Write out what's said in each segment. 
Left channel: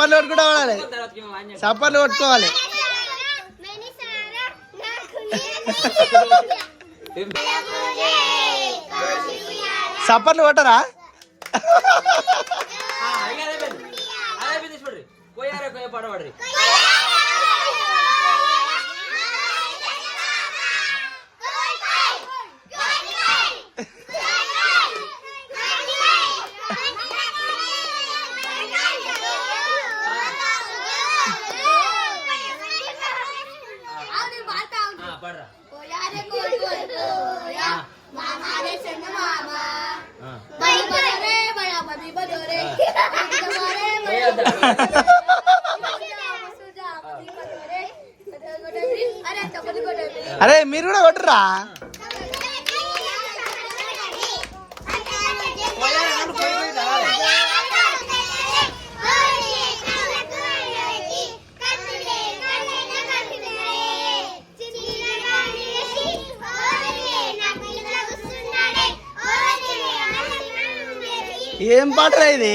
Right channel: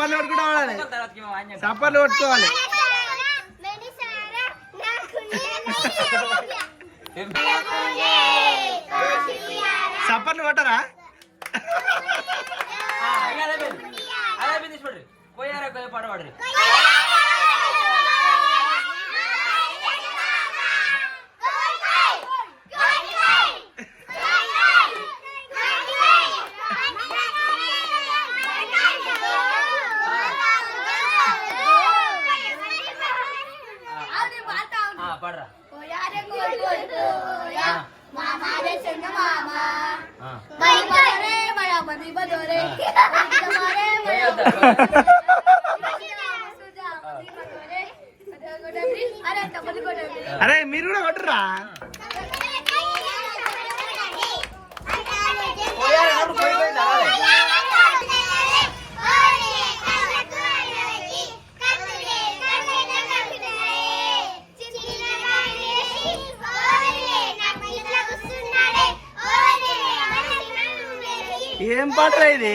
చప్పర్లు కొట్టుకోవాలి చప్పర్లు కొట్టుకోవాలి చప్పర్లు కొట్టరా அரே மீர் கூட ஓட்டுறா ஏன் பாட்டுற இது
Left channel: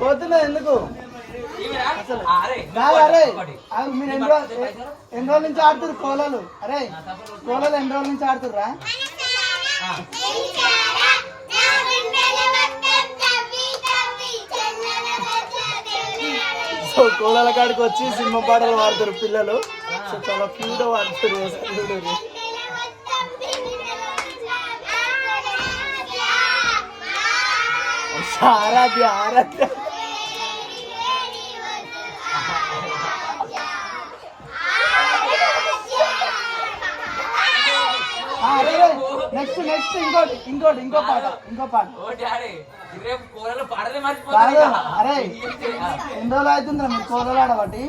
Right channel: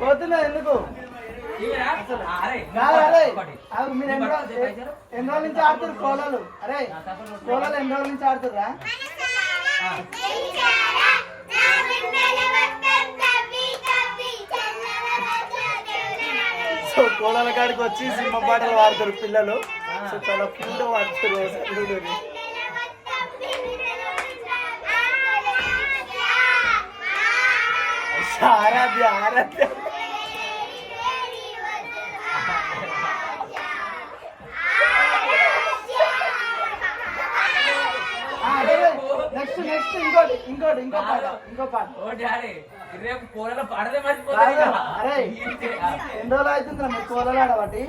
పోతున్నాయి ఎందుకు అసలు మీరు ఎన్రోల్ నుంచి ఆడుతున్నారు కోలాలు అరే కోలాలు ఎన్రోల్ నుంచి ఆడుతుర్రా కోడల కాడికి వచ్చి సినిమా పాటలు వాడతారు పిల్లలు చాలా క్యూట్ వాడతారు సార్ ఆరాధ్య ఆరాధ్య నెక్స్ట్ నెక్స్ట్ ఇంకోటి ఇంకోటి ఇంకో పాట ఇంకో పాట అరే ఎన్ని రోజులు అవుతుందిరా మీరు కోరలు ఆడబట్టి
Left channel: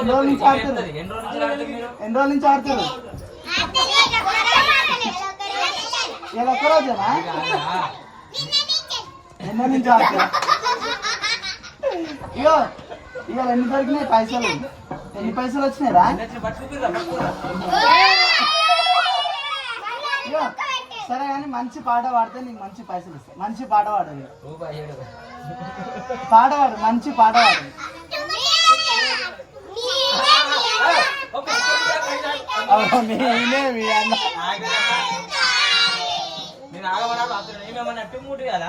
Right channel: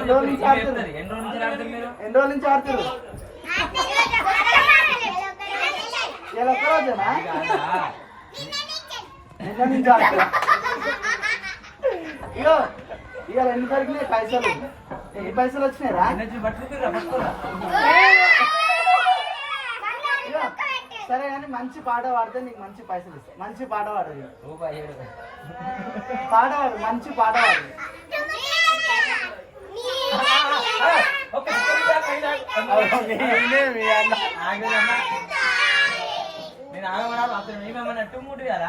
ఎన్ని రోజుల నుంచి ఆడుతుంది ఎన్ని రోజుల నుంచి ఆడుతుంది ఎన్ని రోజుల నుంచి ఆడుతుంది ఒక్క రోజేనా నిన్న నుంచి ఆడితే ఇక ఇక రెండు తరిగినాయి పైసలు ఎన్ని పైసలు వచ్చినాయి రా సరే కానీ మంచి పాట పాడితే నీకు మంచి పైసలు ఇస్తా మంచి పాట పాడదు పాట పాడు మంచి పాట పాడు నేను ఆగబడాలి నేనేమన్నా టూ మూడు కదా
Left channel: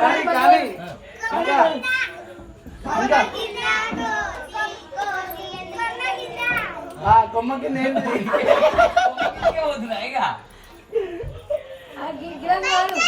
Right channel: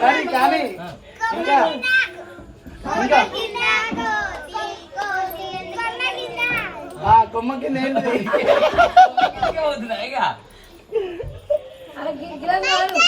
kali kali ಕೊಮ್ಮಕ್ಕೆ ಓದ್ರ ಈಗ